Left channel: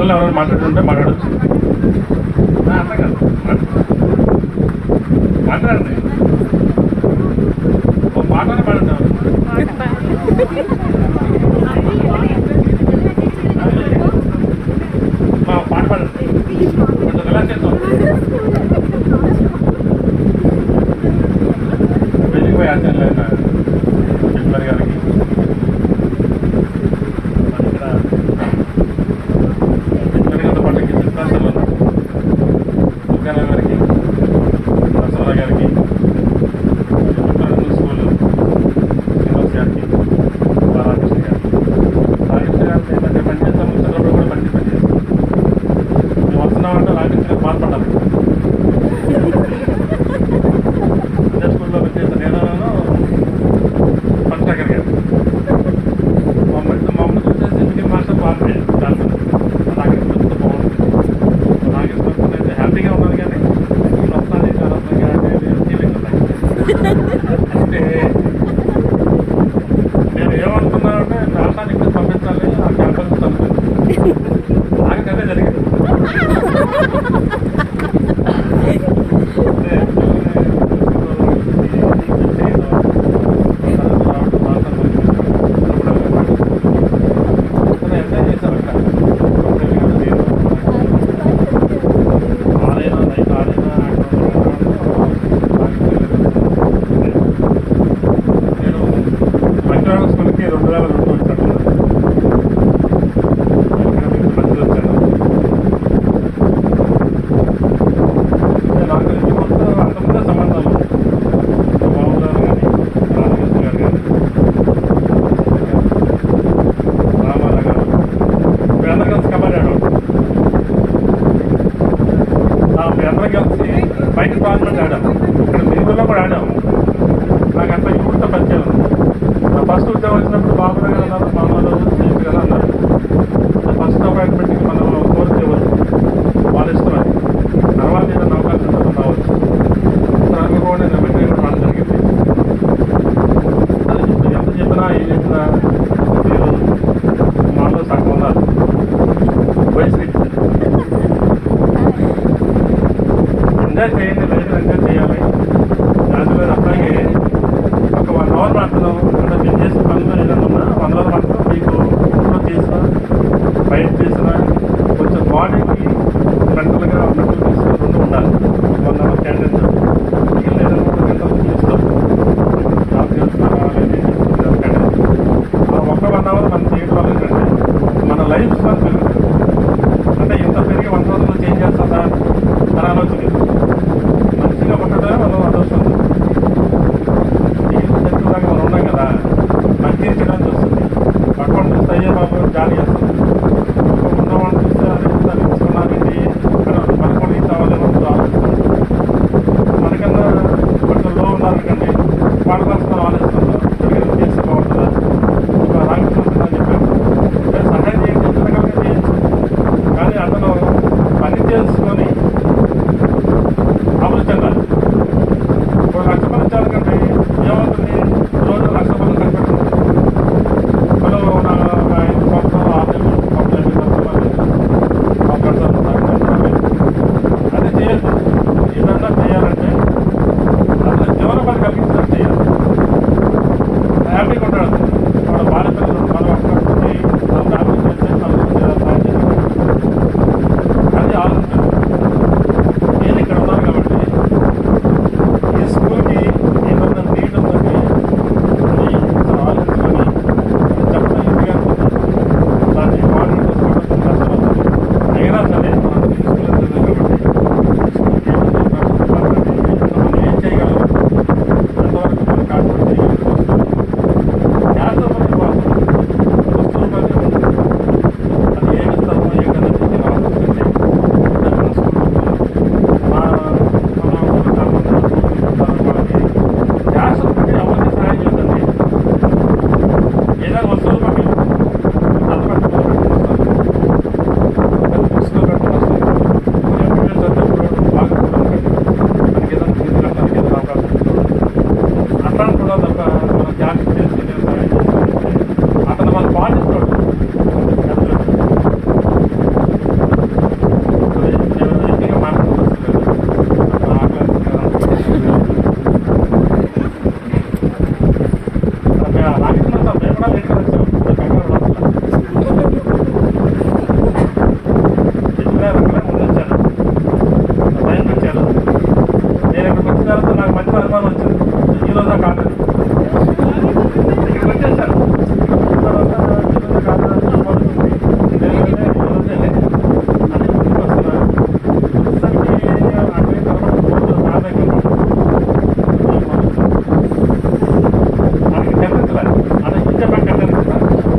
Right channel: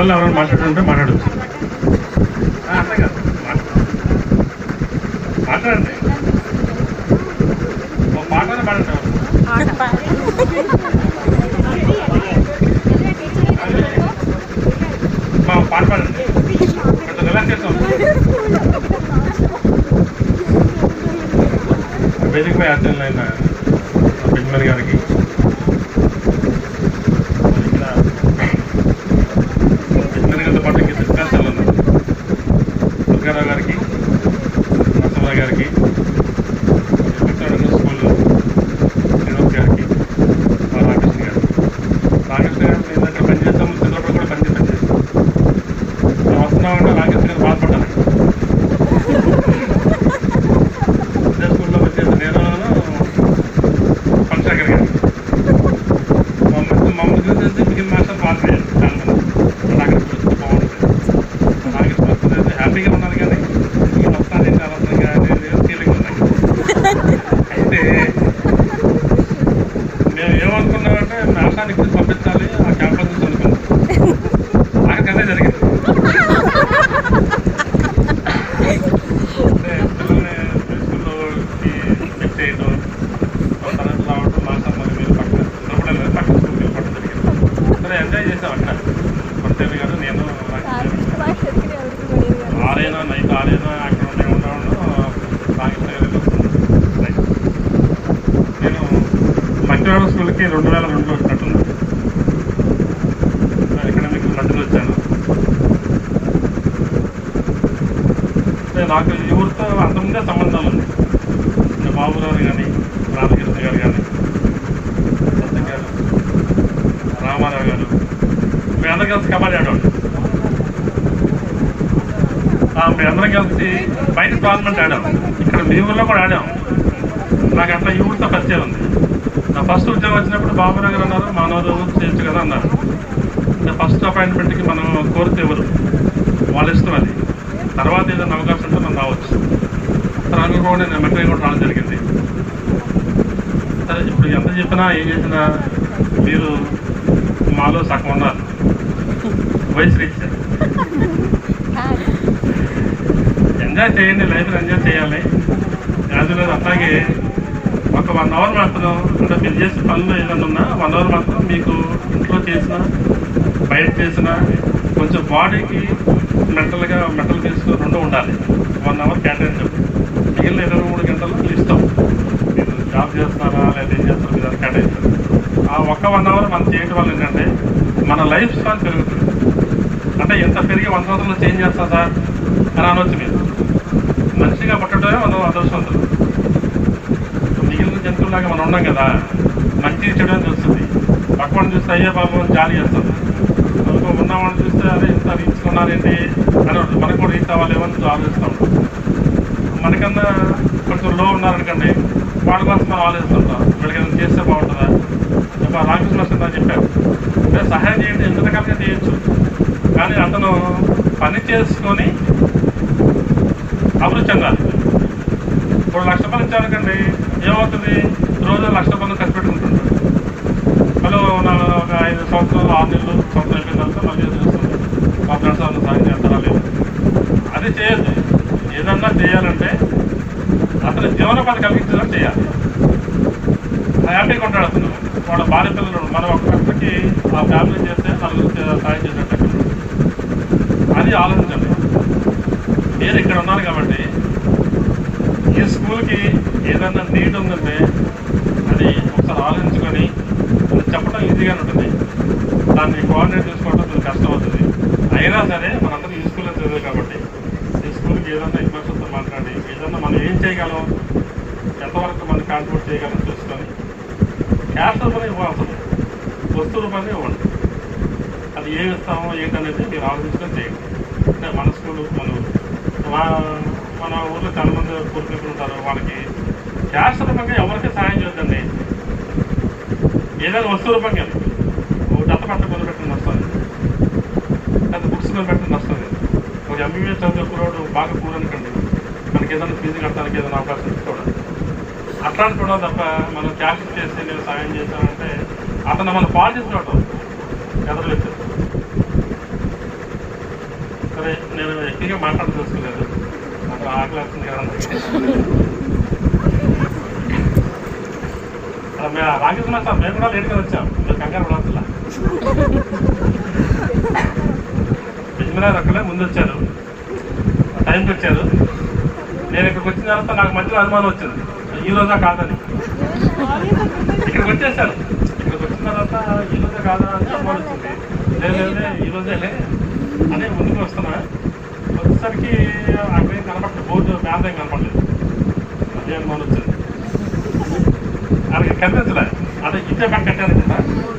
పిల్లలు ఎవరైనా మాట్లాడుతుంటే మాట్లాడచ్చు. అట్లా కాదు, మాట్లాడండి. ఒక పాటనే పాడండి. పాట పాడండి, కొంచెం రిలాక్స్ చేస్తాం. వేదిక పై ఆచరణ అయిన బిజ్మర్ గారికి, ఇక్కడ బిజ్మర్ గారితో పాటు ఇంక డిస్పెన్సర్లు ఉన్నారు, దుర్గారావు గారికి, నరసింహరావు గారికి, స్కూల్ వినోద్ గారికి, రామకృష్ణ గారికి. రామకృష్ణ గారు ఏంటంటే పనిచేస్తాము, చిన్నప్పుడు కూడా పనిచేస్తాం. మేము వస్తున్నామంటే రామకృష్ణ గారు బాధపడ్డాను. ఇదే స్కూల్లో పనిచేస్తే నేను పంచశేఖర్ గారు మమ్మల్ని చూసేసి మిగిలిన మాస్టర్లు బాధపడారు చాలా మంది. రామకృష్ణ వస్తే బాగుంటుంది, రామకృష్ణ వస్తుంది అయితే హ్యాపీగా ఉన్నాను. కానీ నేను వస్తాను ఏంటి అనవసరంగా నేను ఫీలింగ్ ఉన్నాయి. అయితే మేము ఏమనుకున్నామంటే మేషాన్ని ఇక్కడ పంపించాలి, ఆ క్యాంపస్ నుంచి అనుకున్నాం. ఆఖరికి అదే జరిగింది. అంటే పిల్లల్ని స్కూల్లో ఫిక్స్ చేయడం, తరగతి రావడం, మాసం మళ్ళీ మీరు పక్కన పక్కన స్కూల్కి వెళ్ళడం జరిగింది. సరే ఎంజాయ్ చేసాం. అట్లా కొంతసేపు గారు నేను నైట్ 6 అక్కడ నేను మధ్యవాడ స్కూల్కి 2002 వచ్చినట్టున్నాను. ఇక్కడ మీకు మధ్యలో వచ్చాను. నాకు ఈ ఊరితో అంతమందే సంబంధాలు ఉన్నాయి. బాబురావు కానీ, రామకృష్ణ గారు కానీ, గారు, రామారావు గారు, అందరం కలిసి కబడ్డీ ఆడేవాడు. అందరం కలిసి బయట టోర్నమెంట్ ఆడాము. ఇక్కడ మీ ఊళ్ళో కూడా ఆడాము. నాకు అట్లా ఈ ఊరితో పరిచయం ఉంది. నా ఫస్ట్ ఉద్యోగం వచ్చినప్పుడు బాబురావు గారు అన్నారు, మానవులు చేయొచ్చు కదా అన్నారు. అంటే ఫస్ట్ అపాయింట్మెంట్కి మనం కోరితే ఎవరు వాళ్ళ ఇష్టం. అది తర్వాత ఏదైనా అవకాశం ఉంటే మనం రావచ్చు. రాను కూడా నేను మెట్రో కూడా రావడం జరిగింది. సరే ఇప్పుడు ఎంత చెప్పినా ఏం చేసినా మీరు మాలో సగం ఉన్నారు, వయసులు ఇచ్చారు. ఎంజాయ్ చేయండి, లైఫ్ని ఎంజాయ్ చేయాలి. యాజులో అట్లాగే ఒక 1 అవర్ మాత్రం అంటే మీరు చేసే పనులు ఏదైనా ఉన్నా 1 అవర్ మాత్రం మీకు ఇంట్లో చేసినా బయట చేసినా కొంచెం బాడీకి మెంటల్ పీస్ 2 ఉండాలి. 1 అవర్ క్యాంటీన్ జాబ్, మిగిలిన 23 గంటలు మీ ఇష్టం. మీరు జాబ్ చేస్తారా లేదా ఏం చేస్తారో మీరు క్యాంటీన్ జాబ్. ఆ ఒక్క 1 అవర్ మనం చేయడం వల్ల ఏంటంటే మన లైఫ్ స్పాన్ పెరుగుతుంది. అంటే ఎంత పెరిగి 100 సంవత్సరాలు చేంజ్ చేస్తా సార్ అని అనవచ్చు. మీరు మనిషిగా పుట్టడమే మనం అదృష్టం. మిగిలిన జంతువులాగా మనం ఉన్నాం కదా, మంచి చేయడం చూస్తుంది. పక్కన చూస్తే అయ్యే పాపం జాలి చేస్తుంది. ఉన్నవాడిని చూస్తే అదే ఇంత రీచుకున్నారేంటి అని మనకు కూడా రీచ్ అవ్వాలేమో ఆలోచిస్తూ ఉంటాం. మనకన్నా కొంచెం లో ఉన్నారనుకోండి, వాళ్ళ కోసం మనం ఆలోచిస్తుంటాం. వీళ్ళకి ఏదైనా చేస్తే బాగుంటుందా. ఇప్పుడు రామకృష్ణ అని చెప్పాను, సహాయం చేయండి, ఎంత రకాలుగా చేయొచ్చు. కానీ అతను పని చేసుకొని అభివృద్ధి చెందాలి. ఇప్పుడు 1,00,000 రూపాయలు ఇచ్చారనుకోండి, ఏమవుతుంది, రోజు 1,00,000 రూపాయలు ఖర్చు పెట్టుకుంటుంది. మళ్ళీ 5 సంవత్సరాలు 6 నెలలు సంవత్సరం అయిపోయిన తర్వాత మళ్ళీ చేస్తుంది. మా ఫ్రెండ్స్ వాళ్ళు సాయం చేస్తారా లేదు. అది చేయొద్దు. ఏదన్నా చేయాలంటే అతను జీవనోపాధి కలిగించదని చేయాలి. హ్యాపీగా ఉంటాడు అతను. వాడు భార్య పిల్లలు, మనం ఒక్కరికి ఆ ఫ్యామిలీ చేస్తే 4 సాయం చేసేటట్టు అది ఆలోచించండి. నేను ఇక్కడ ఉన్నాను కాబట్టి ఈ స్కూల్కి ఏదన్నా నీడ్ ఉందంటే అది ఒకసారి ఆలోచించుకొని చెప్పడం ఈజీగా ఉంటుంది. దాన్ని కోఆర్డినేట్ చేసుకోవడం కొంచెం కష్టం అవుతుంది. అయినా సరే మనందరూ ఈ స్కూల్లో చదివాం కాబట్టి ఈ స్కూల్కి ఏదన్నా ఇన్ఫ్రాస్ట్రక్చర్ మాట్లాడి ఏదన్నా మనం ఏం చేయగలం, ఎంతవరకు మనం కాంట్రిబ్యూట్ చేయగలం చూసుకొని క్యాష్ రూపాయలు ఇవ్వాల్సింది, వస్తు రూపాయలు ఇవ్వండి. అది ఏమి ఇస్తామో ఏంటనేది మీరు ఆలోచించుకొని చేయండి. అంటే మన స్కూల్ మన ఊళ్ళో చాలా మంది స్కూల్ తీసుకుంటారు. వాళ్ళకి క్యాష్ రూపాయలు ఎవరికి సహాయం చేద్దండి. ఏదైనా వస్తువు రూపాయలు దత్త పెట్టుకుని పెట్టుకుని వస్తుంది, లేదా బుక్స్లో పెట్టుకుని వస్తుంది. ఎంబీబీఎస్ చదివే పురోడు బాగా పూరనుకోండి, మనకి ఏదైనా ఫీజు కట్టడానికి ఏదైనా అవకాశం చూడాలి. అట్లాంటి కూడా తప్ప మనం క్యాష్ చేసి నేను సహాయం చేస్తానంటే అతను మనం పాటిస్తున్నాడు. ఎదురు వచ్చాం, మేము కూడా లేట్గా వచ్చాం, కంగారు లోపల అక్కడే ముందు వచ్చారు, టైంకి వచ్చారు. నేను ఇక్కడికి వచ్చిన తర్వాత నాకు మధ్యలో అనుమానం వచ్చింది, ఈ రోజా కాదని. ఇక్కడికి వచ్చేసాను, ఇక్కడికి వచ్చిన తర్వాత ఈ రోజా కాదా అని అనుమానం వచ్చింది. లేదే ఈ రోజే అని ముందుకు వస్తున్నా. వచ్చేసరికి అక్కడేం కనపడదు, బోర్డు బ్యాన్ కనపడదు. అనుమానం వచ్చింది, అక్కడికి కనిపించలేదు. అదే ఇంటే బ్యాగ్ కట్టాను